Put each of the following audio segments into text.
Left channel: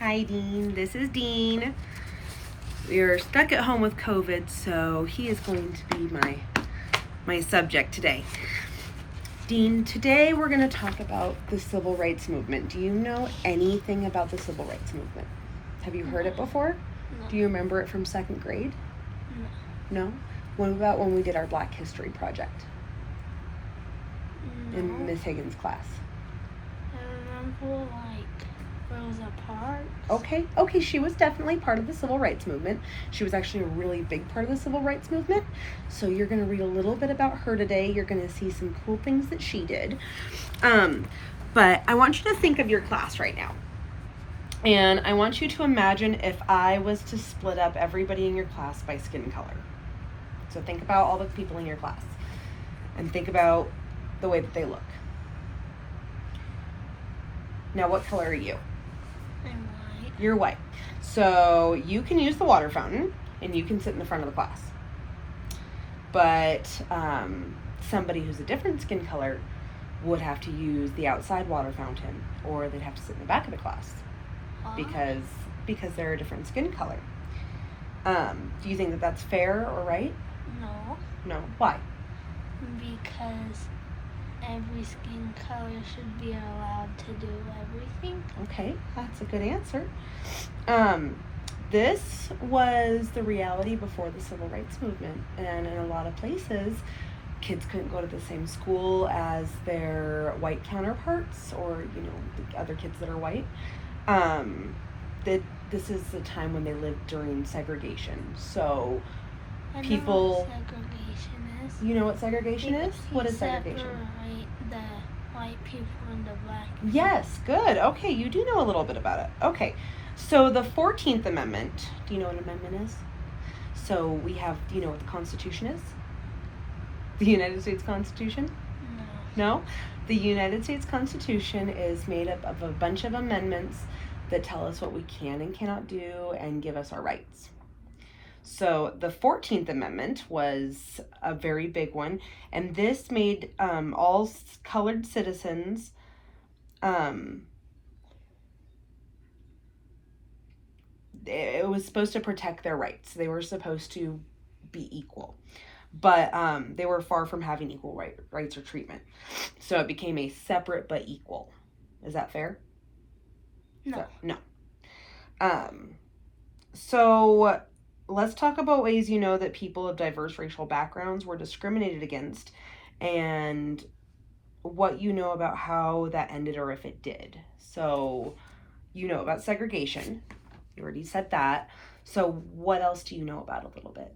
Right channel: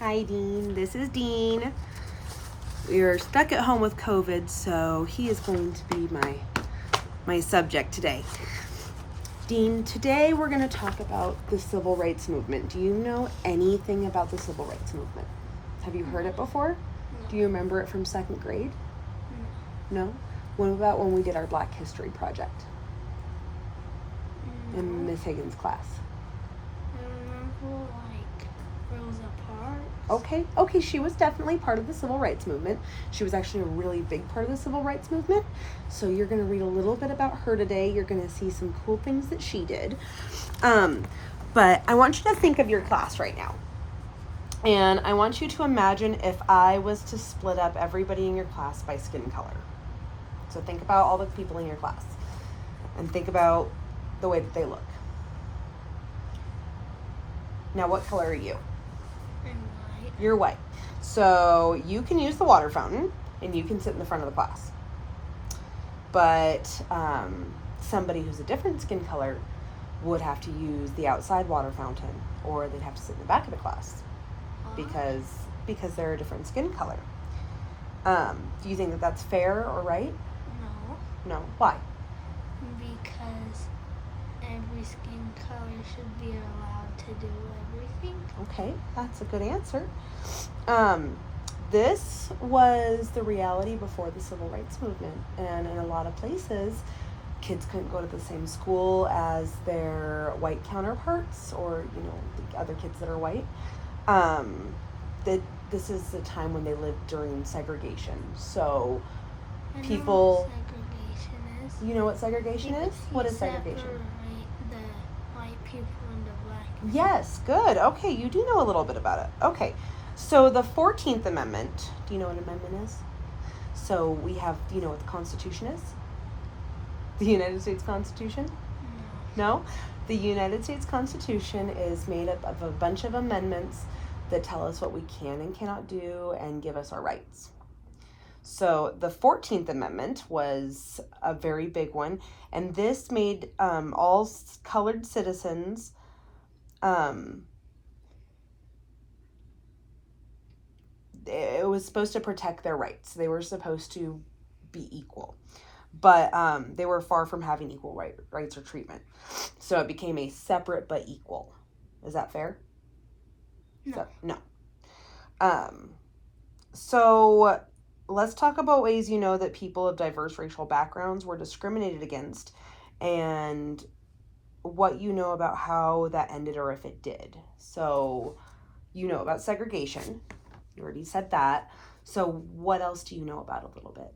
Hi, Dean. This is Dean. We are stuck at home with COVID, so he is going to be my subject today. Dean, today we're going to talk about the civil rights movement. Do you know anything about the civil rights movement? Have you heard it before? No. Do you remember it from second grade? No. No? What about when we did our Black History project No. in Miss Higgins' class? I remember Rosa Parks. Okay, she was definitely part of the civil rights movement. She was actually a really big part of the civil rights movement. So you're going to read a little bit about her today. You're going to see some cool things that she did. But I want you to think of your class right now. And I want you to imagine if I was to split up everybody in your class by skin color. So think about all the people in your class and think about the way that they look. Now, what color are you? I'm white. You're white. So you can use the water fountain and you can sit in the front of the class. But somebody who's a different skin color would have to use the outside water fountain, or they'd have to sit in the back of the class because they're a different skin color. Do you think that that's fair or right? No. No. Why? Because every skin color should be allowed to do everything. Okay, that's a good answer. This was the reality before the civil rights movement, and in a lot of places, kids couldn't go to the same school as their white counterparts, or the other kids that are white. This is the time when they lived during segregation. So people. I know what segregation is. You know what segregation is? What is Separate segregation? the white people and the black people. Yes, good. Okay, you do know a little bit about it. Okay, so the 14th Amendment, do you know what an amendment is? So we have, do you know what the Constitution is? The United States Constitution? No. No? The United States Constitution is made up of a bunch of amendments that tell us what we can and cannot do and give us our rights. So the 14th Amendment was a very big one, and this made all colored citizens it was supposed to protect their rights. They were supposed to be equal, but they were far from having equal rights or treatment. So it became a separate but equal. Is that fair? No. No. So let's talk about ways you know that people of diverse racial backgrounds were discriminated against, and what you know about how that ended or if it did. So you know about segregation. You already said that. So what else do you know about a little bit?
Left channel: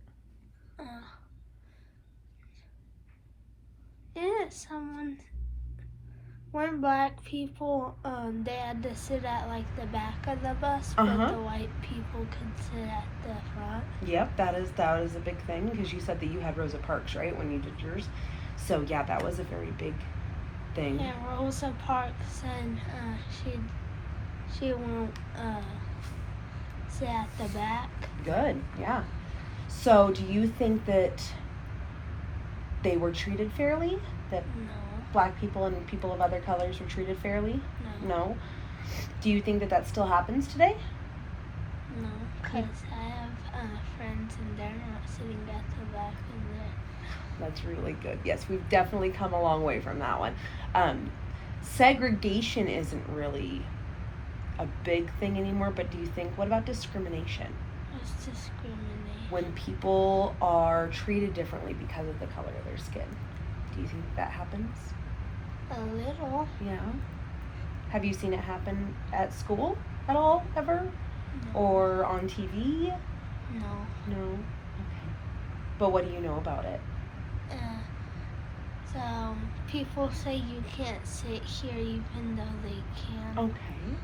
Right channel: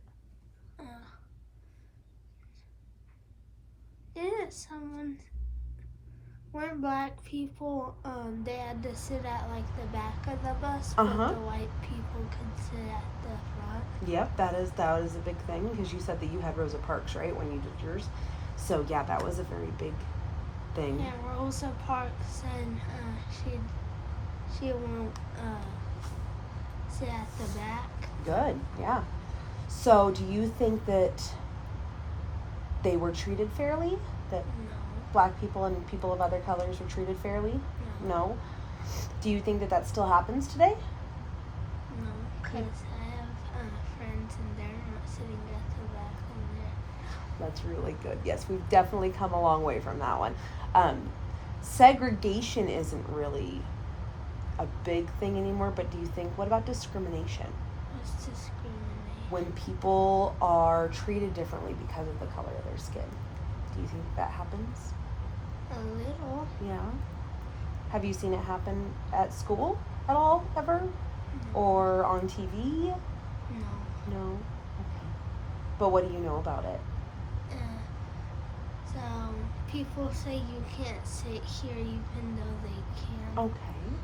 When black people, they had to sit at the back of the bus, but the white people could sit at the front. Yep, that is a big thing, because you said that you had Rosa Parks, right, when you did yours. So yeah, that was a very big thing. And Rosa Parks said she won't sit at the back. Good, yeah. So do you think that they were treated fairly? That No. Black people and people of other colors were treated fairly? No. Do you think that that still happens today? No, because I have friends and they're not sitting at the back and they're... That's really good. Yes, we've definitely come a long way from that one. Segregation isn't really a big thing anymore, but do you think, what about discrimination? It's discrimination. When people are treated differently because of the color of their skin. Do you think that happens? A little. Yeah. Have you seen it happen at school at all, ever? No. Or on TV? No. No? Okay. But what do you know about it? So, people say you can't sit here even though they can. Okay.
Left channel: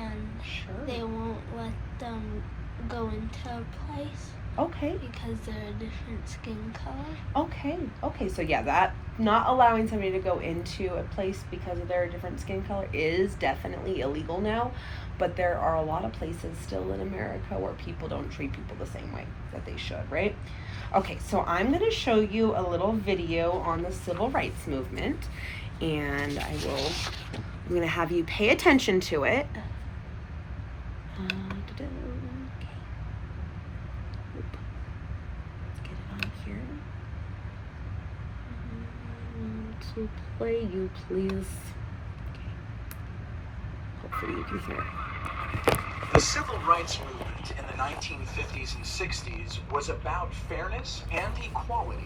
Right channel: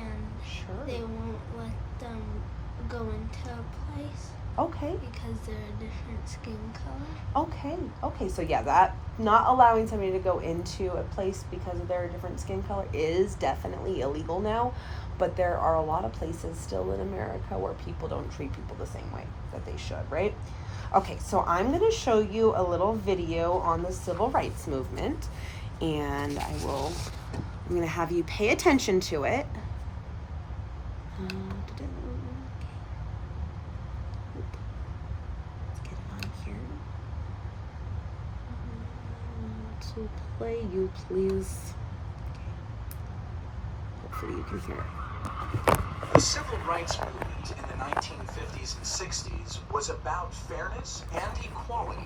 And Sure. they won't let them go into a place. Okay. Because they're a different skin color. Okay. So yeah, that not allowing somebody to go into a place because of their different skin color is definitely illegal now. But there are a lot of places still in America where people don't treat people the same way that they should, right? Okay, so I'm going to show you a little video on the civil rights movement, and I'm going to have you pay attention to it. So play, you please. Okay. Hopefully you can hear it. The civil rights movement in the 1950s and 60s was about fairness and equality.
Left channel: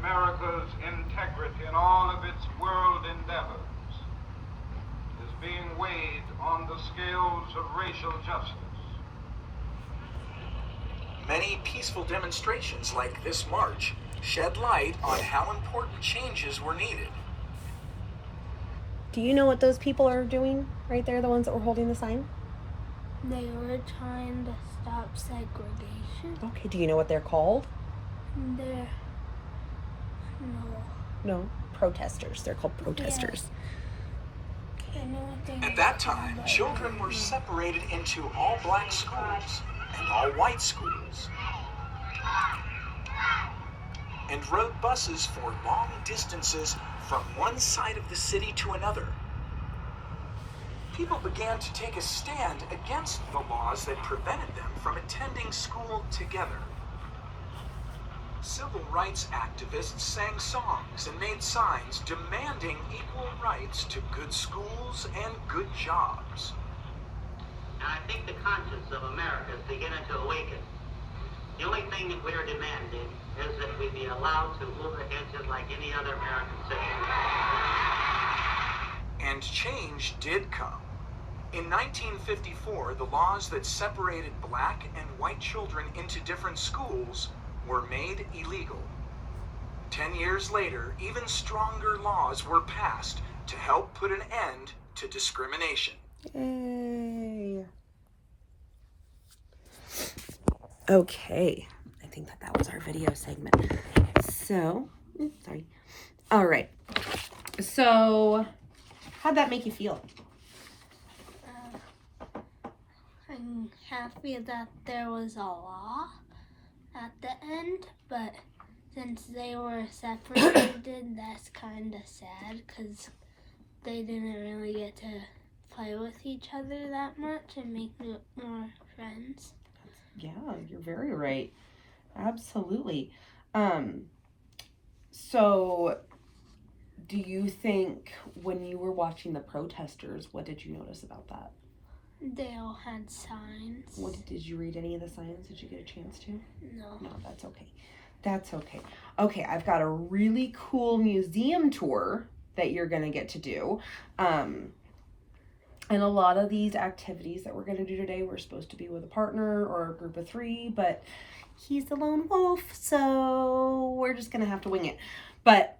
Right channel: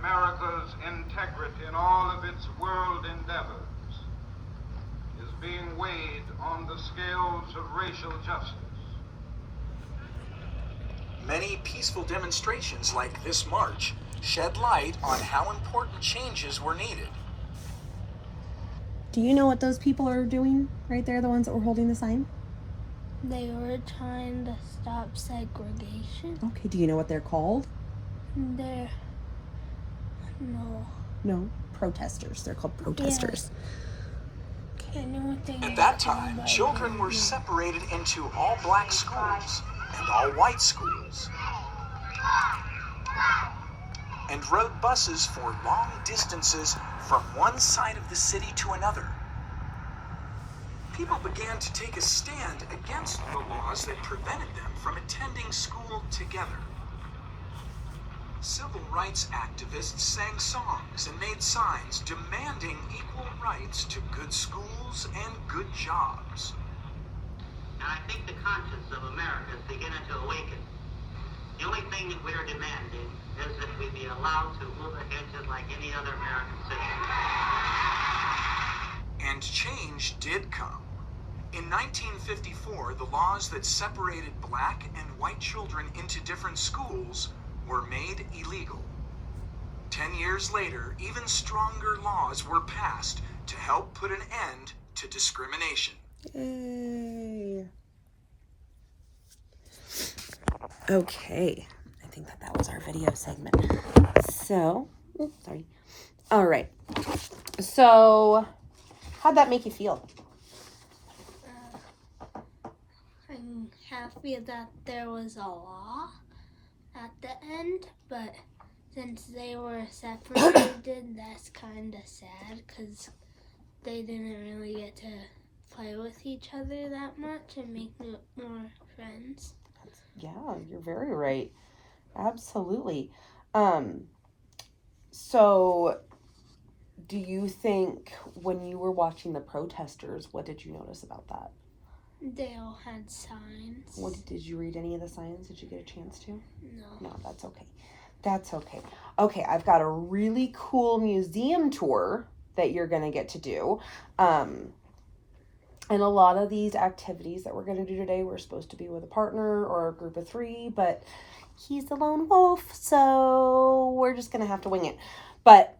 America's integrity in all of its world endeavors is being weighed on the scales of racial justice. Many peaceful demonstrations like this march shed light on how important changes were needed. Do you know what those people are doing right there, the ones that were holding the sign? They were trying to stop segregation. Okay, do you know what they're called? No. No, protesters. They're called protesters. I know what they At that time, children were separated into all black schools and all white schools, and rode buses for long distances from one side of the city to another. People began to take a stand against the laws that prevented them from attending school together. Civil rights activists sang songs and made signs demanding equal rights to good schools and good jobs. And I think the conscience of America is beginning to awaken. The only thing that we're demanding is that we be allowed to move ahead just like any other American citizen. And change did come. In 1954, the laws that separated black and white children into different schools were made illegal. 10 years later, even stronger laws were passed to help put an end to discrimination. Yay. Okay, I think that was our video segment. So, sorry. All right. So, how'd that make you feel? I'm happy that there was a law at the end, but since they were separated, that's kind of sad because they didn't really get to play with each other that much and make more friends. Yeah, you're very right. Absolutely. So do you think when you were watching the protesters, what did you notice about that? They all had signs. Did you read any of the signs? Did you get a chance to? No. No, that's okay. That's okay. Okay, I've got a really cool museum tour that you're going to get to do. And a lot of these activities that we're going to do today, we're supposed to be with a partner or a group of 3, but he's the lone wolf, so we're just going to have to wing it. But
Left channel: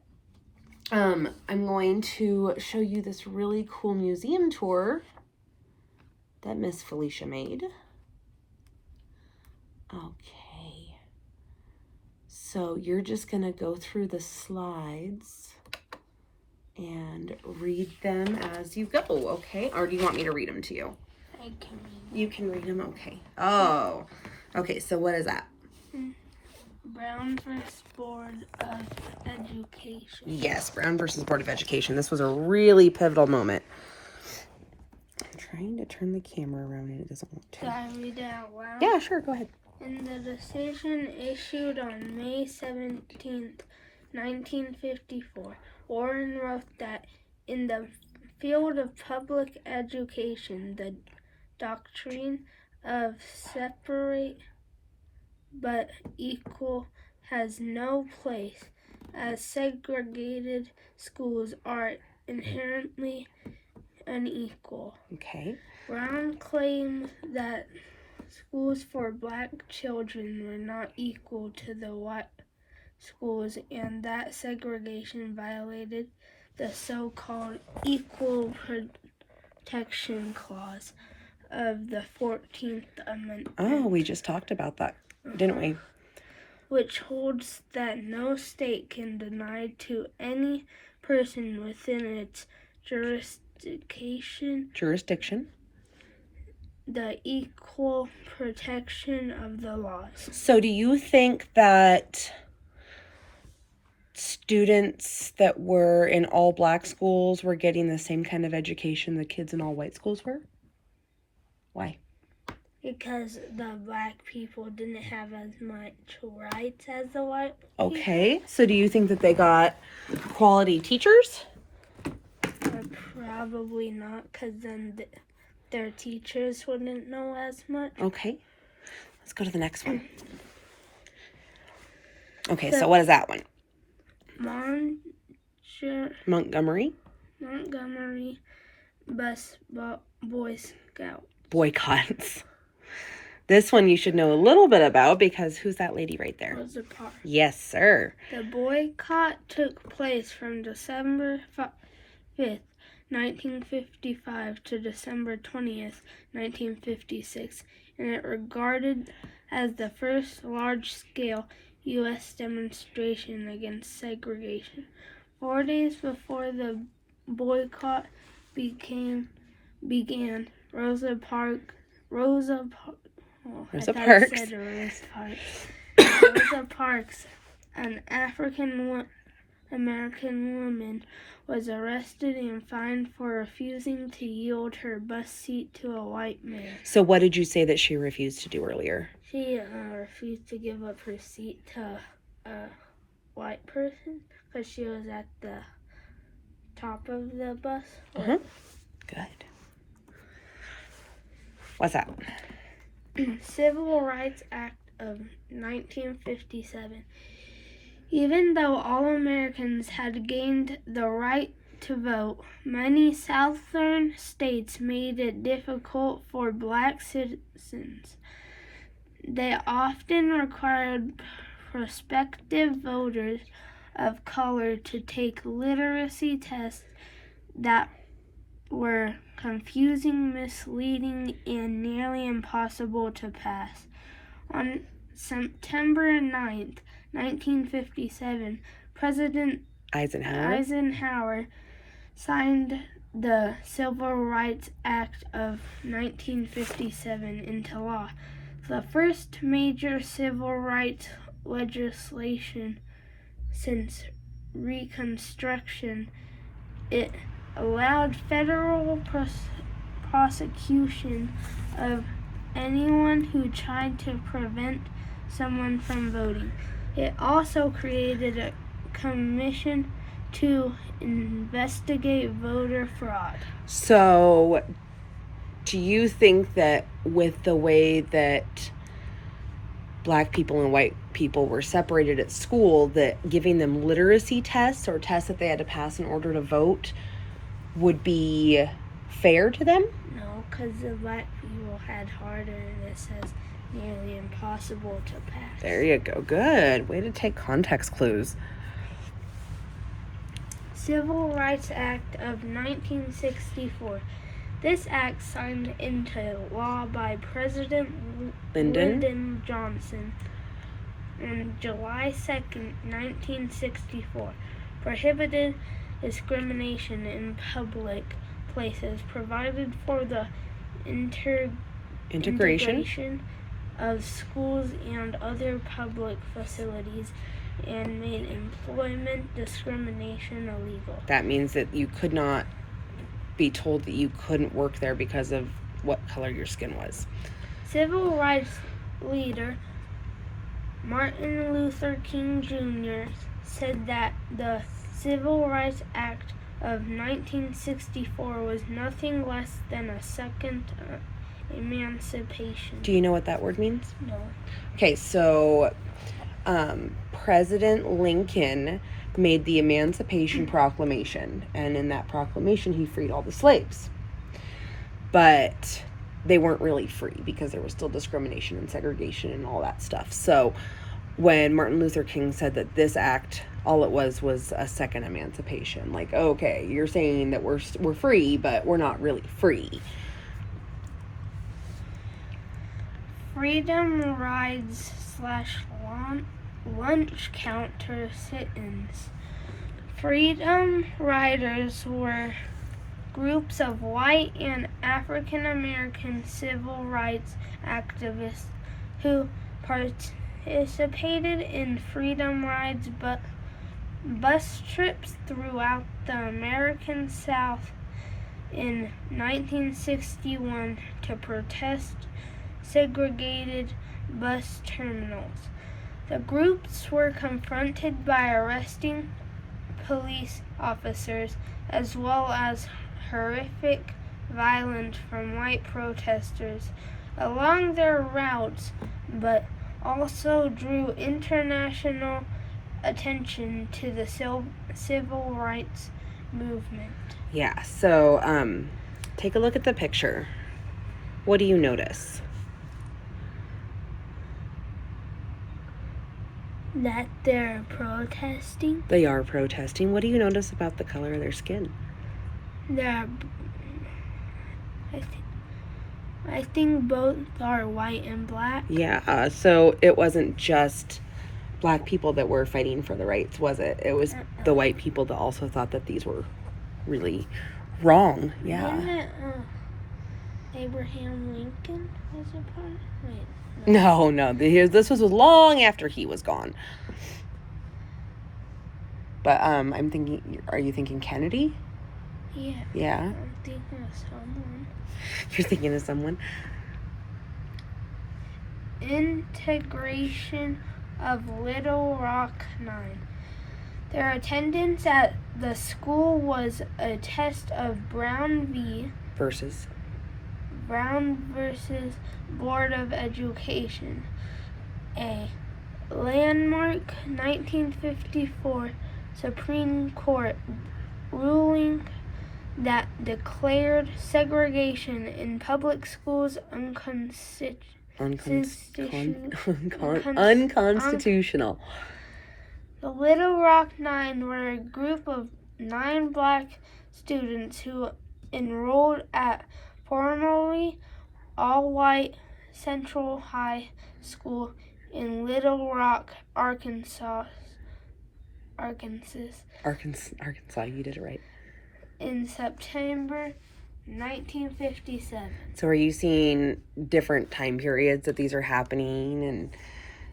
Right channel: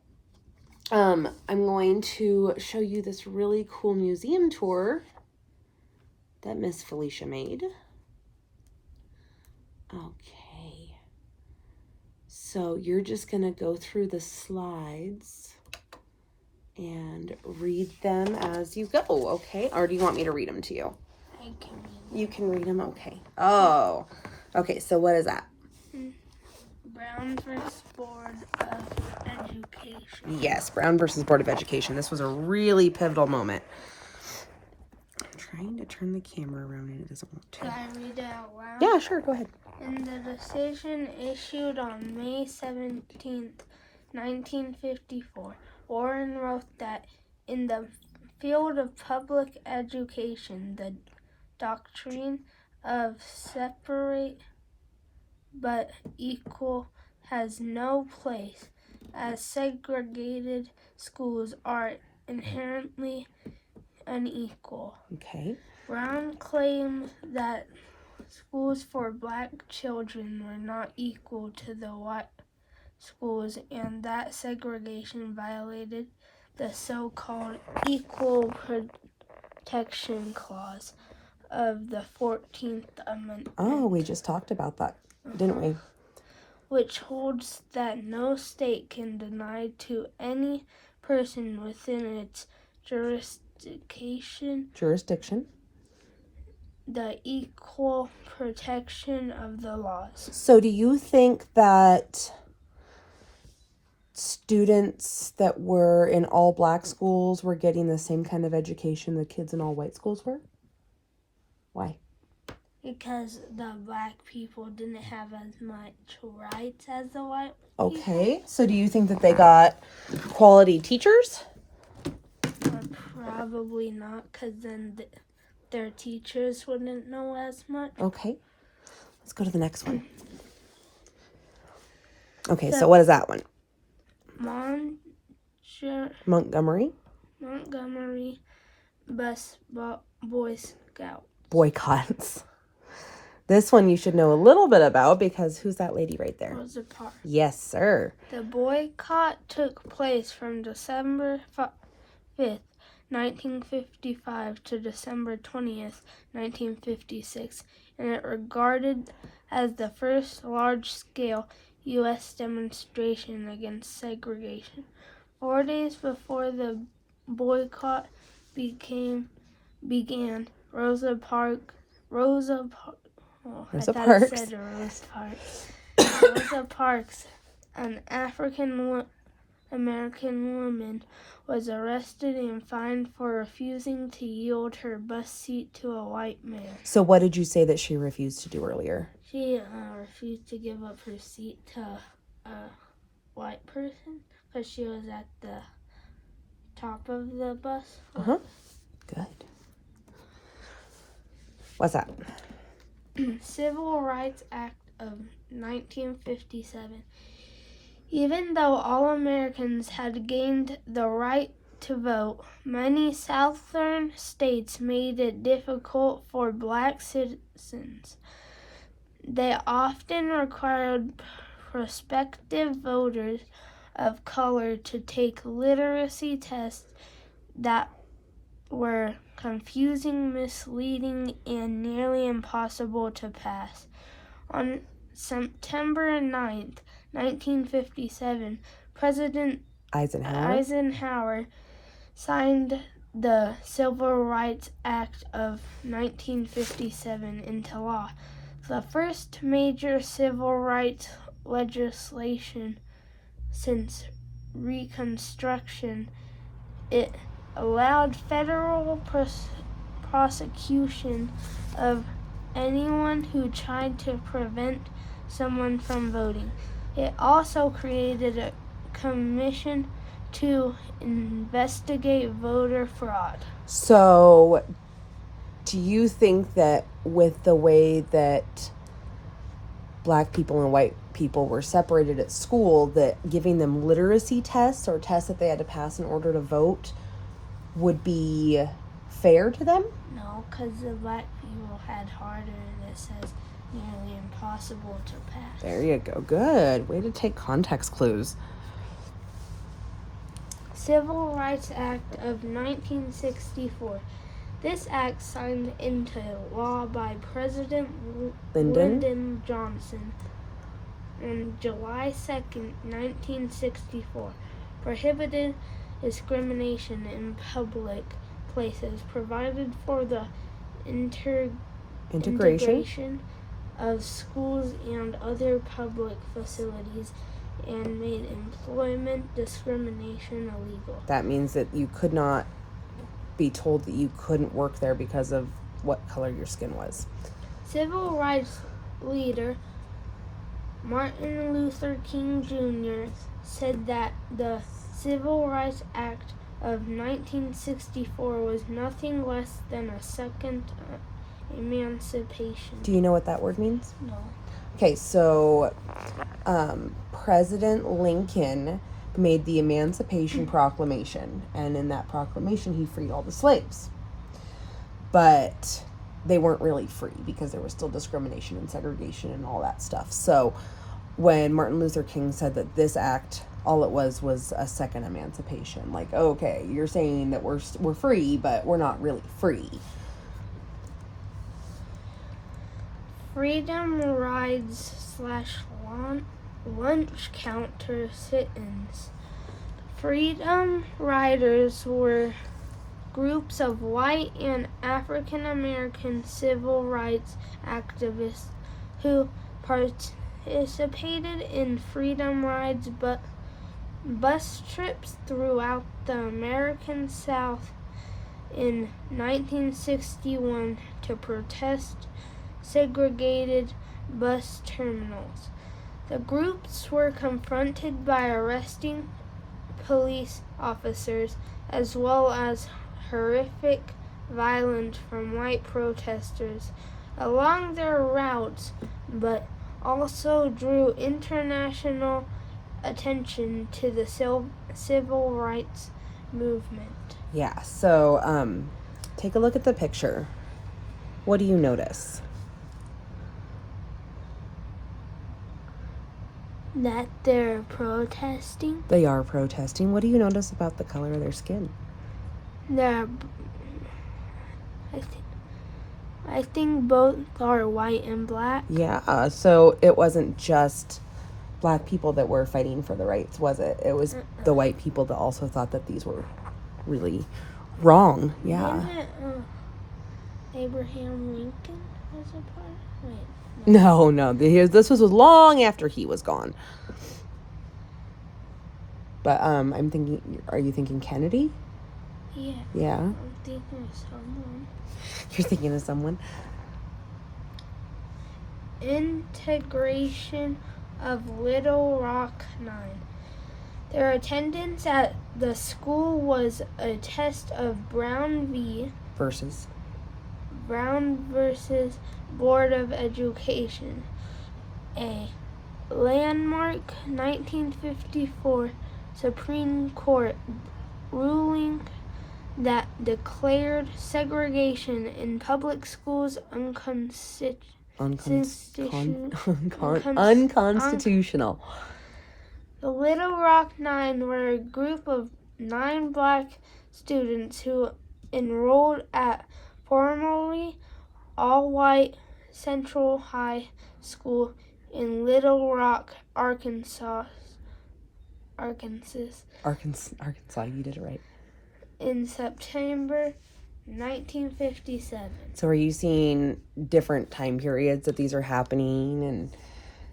I'm going to show you this really cool museum tour that Miss Felicia made. Okay. So you're just going to go through the slides and read them as you go, okay? Or do you want me to read them to you? I can read them. You can read them? Okay. Oh. Okay, so what is that? Brown versus Board of Education. Yes, Brown versus Board of Education. This was a really pivotal moment. I'm trying to turn the camera around and it doesn't want to. Can I read it out loud? Yeah, sure, go ahead. In the decision issued on May 17th, 1954, Warren wrote that in the field of public education, the doctrine of separate but equal has no place, as segregated schools are inherently unequal. Okay. Brown claimed that schools for black children were not equal to the white schools and that segregation violated the so-called Equal Protection Clause of the 14th Amendment. Oh, we just talked about that, didn't we? Which holds that no state can deny to any person within its jurisdiction the equal protection of the laws. So do you think that students that were in all black schools were getting the same kind of education the kids in all white schools were? Why? Because the black people didn't have as much rights as the white people. Okay. So do you think that they got quality teachers? Probably not, because then their teachers wouldn't know as much. Okay. Let's go to the next one. Okay, so what is that one? Montgomery Boy Scout. boycotts. This one you should know a little bit about because who's that lady right there? Rosa Parks. Yes, sir. The boycott took place from December 5th, 1955 to December 20th, 1956, and it regarded as the first large-scale U.S. demonstration against segregation. 4 days before the boycott began, Rosa Parks, an African American woman, was arrested and fined for refusing to yield her bus seat to a white man. So what did you say that she refused to do earlier? She refused to give up her seat to a white person because she was at the top of the bus. Good. What's that? Civil Rights Act of 1957. Even though all Americans had gained the right to vote, many southern states made it difficult for black citizens. They often required prospective voters of color to take literacy tests that were confusing, misleading, and nearly impossible to pass. On September 9th, 1957, President Eisenhower signed the Civil Rights Act of 1957 into law, the first major civil rights legislation since Reconstruction. It allowed federal prosecution of anyone who tried to prevent someone from voting. It also created a commission to investigate voter fraud. So, do you think that with the way that black people and white people were separated at school, that giving them literacy tests or tests that they had to pass in order to vote would be fair to them? No, because the black people had harder, and it says nearly impossible to pass. There you go. Good. Way to take context clues. Civil Rights Act of 1964. This act, signed into law by President Lyndon Johnson on July 2nd, 1964, prohibited discrimination in public places, provided for the integration of schools and other public facilities, and made employment discrimination illegal. That means that you could not be told that you couldn't work there because of what color your skin was. Civil rights leader Martin Luther King Jr. said that the Civil Rights Act of 1964 was nothing less than a second emancipation. Do you know what that word means? No. Okay, so President Lincoln made the Emancipation Proclamation, and in that proclamation he freed all the slaves. But they weren't really free because there was still discrimination and segregation and all that stuff. So when Martin Luther King said that this act, all it was a second emancipation. Like, okay, you're saying that we're free, but we're not really free. Freedom rides / lunch counter sit-ins. Freedom riders were groups of white and African American civil rights activists who participated in freedom rides bus trips throughout the American South in 1961 to protest segregated bus terminals. The groups were confronted by arresting police officers as well as horrific violence from white protesters along their routes, but also drew international attention to the civil rights movement. Yeah, so take a look at the picture. What do you notice? That they're protesting. They are protesting. What do you notice about the color of their skin? I think both are white and black. Yeah, so it wasn't just black people that were fighting for the rights, was it? It was the white people that also thought that these were really wrong. Yeah. Wasn't it, Abraham Lincoln was a part? Wait. No, this was long after he was gone. But I'm thinking, are you thinking Kennedy? Yeah. Yeah. I'm thinking of someone. You're thinking of someone? Integration of Little Rock 9. Their attendance at the school was a test of Brown Versus. versus Board of Education. A landmark 1954 Supreme Court ruling that declared segregation in public schools Unconstitutional. The Little Rock Nine were a group of 9 black students who enrolled at formerly all-white Central High School in Little Rock, Arkansas. Arkansas, you did it right. In September 1957. So are you seeing different time periods that these are happening, and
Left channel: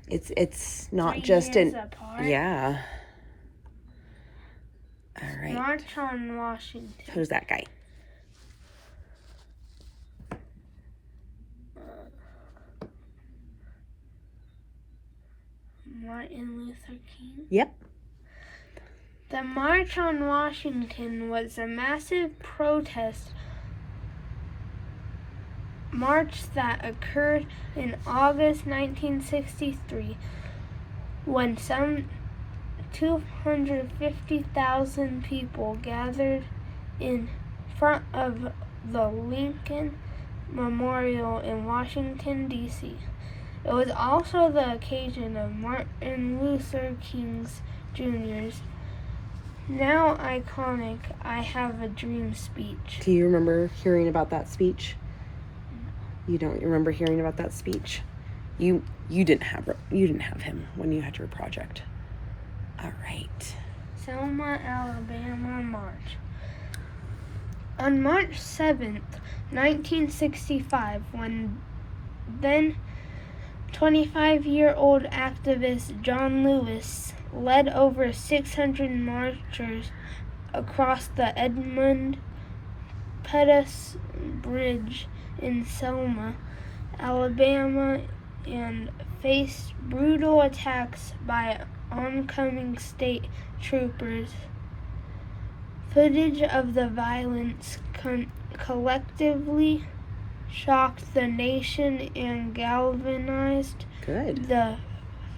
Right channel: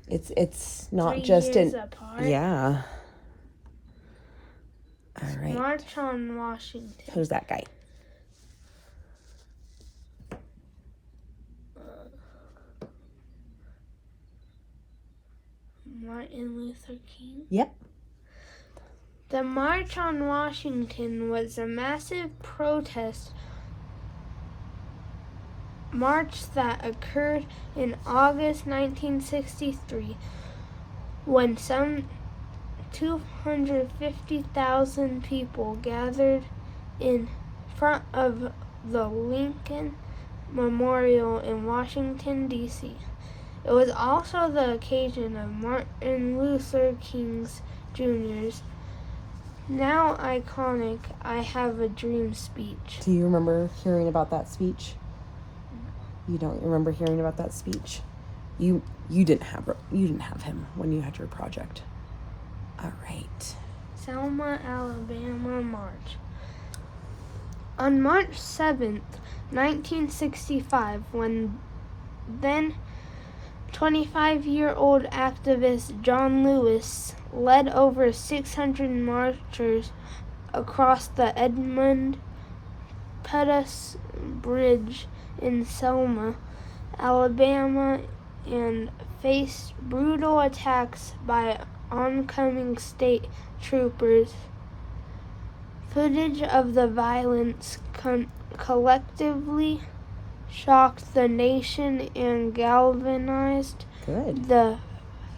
it's not 3 just years in apart. Yeah. All right. March on Washington. Who's that guy? Martin Luther King. Yep. The March on Washington was a massive protest march that occurred in August 1963 when some 250,000 people gathered in front of the Lincoln Memorial in Washington, D.C. It was also the occasion of Martin Luther King Jr.'s now iconic I Have a Dream speech. Do you remember hearing about that speech? You don't remember hearing about that speech? You didn't have him when you had your project. All right. Selma, Alabama March. On March 7th, 1965, when then 25-year-old activist John Lewis led over 600 marchers across the Edmund Pettus Bridge in Selma, Alabama, and faced brutal attacks by oncoming state troopers. Footage of the violence collectively shocked the nation and galvanized Good. the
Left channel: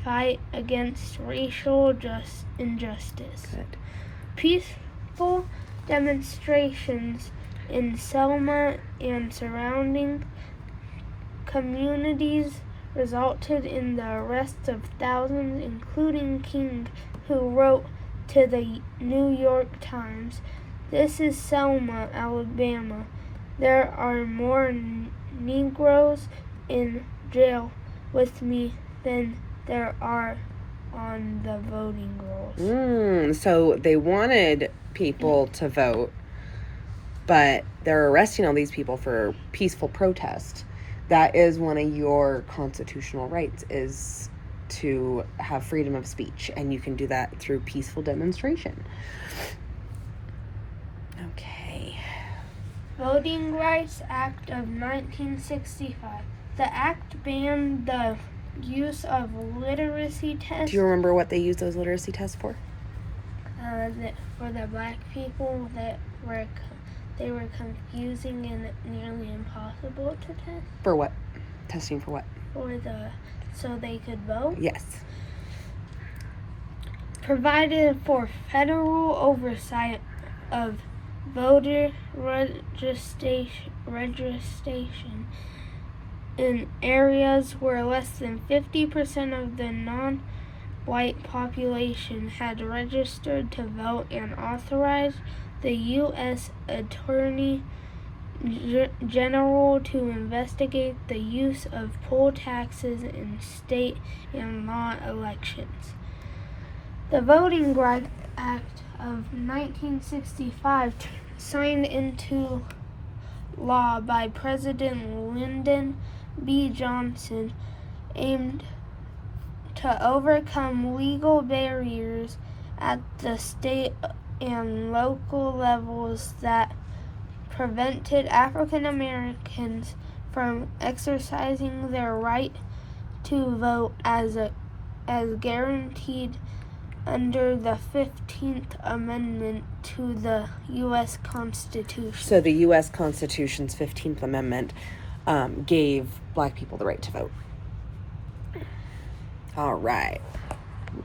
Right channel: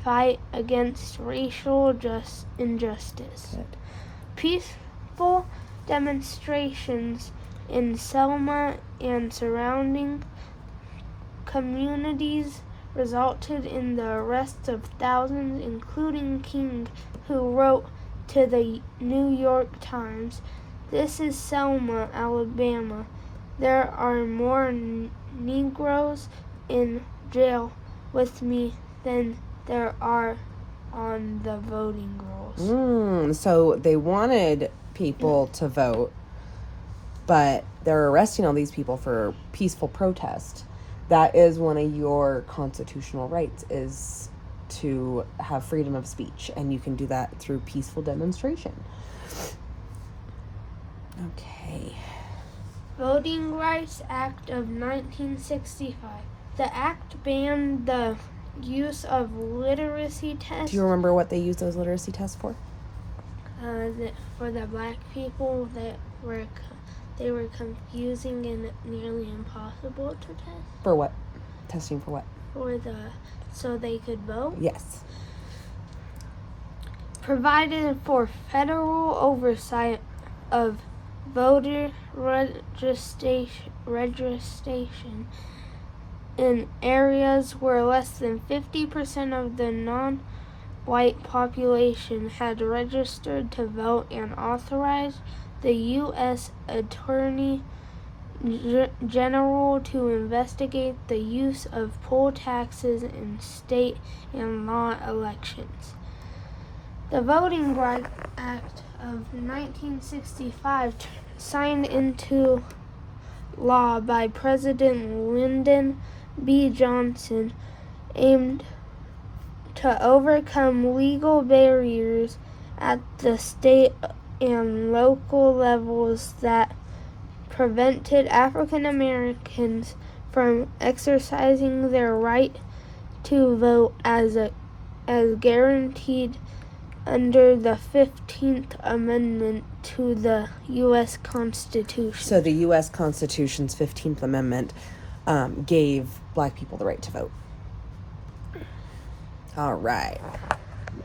fight against racial injustice. Good. Peaceful demonstrations in Selma and surrounding communities resulted in the arrest of thousands, including King, who wrote to the New York Times, "This is Selma, Alabama. There are more Negroes in jail with me than there are on the voting rolls." So they wanted people to vote, but they're arresting all these people for peaceful protest. That is one of your constitutional rights, is to have freedom of speech, and you can do that through peaceful demonstration. Okay. Voting Rights Act of 1965. The act banned the use of literacy tests Do you remember what they used those literacy tests for? for the black people that they were confusing and nearly impossible to test For what? Testing for what? so they could vote. Yes. Provided for federal oversight of voter registration in areas where less than 50% of the non-white population had registered to vote, and authorized the U.S. Attorney General to investigate the use of poll taxes in state and law elections. The Voting Rights Act of 1965, signed into law by President Lyndon B. Johnson, aimed to overcome legal barriers at the state and local levels that prevented African Americans from exercising their right to vote as guaranteed under the 15th Amendment to the U.S. Constitution. So the U.S. Constitution's 15th Amendment gave black people the right to vote. All right.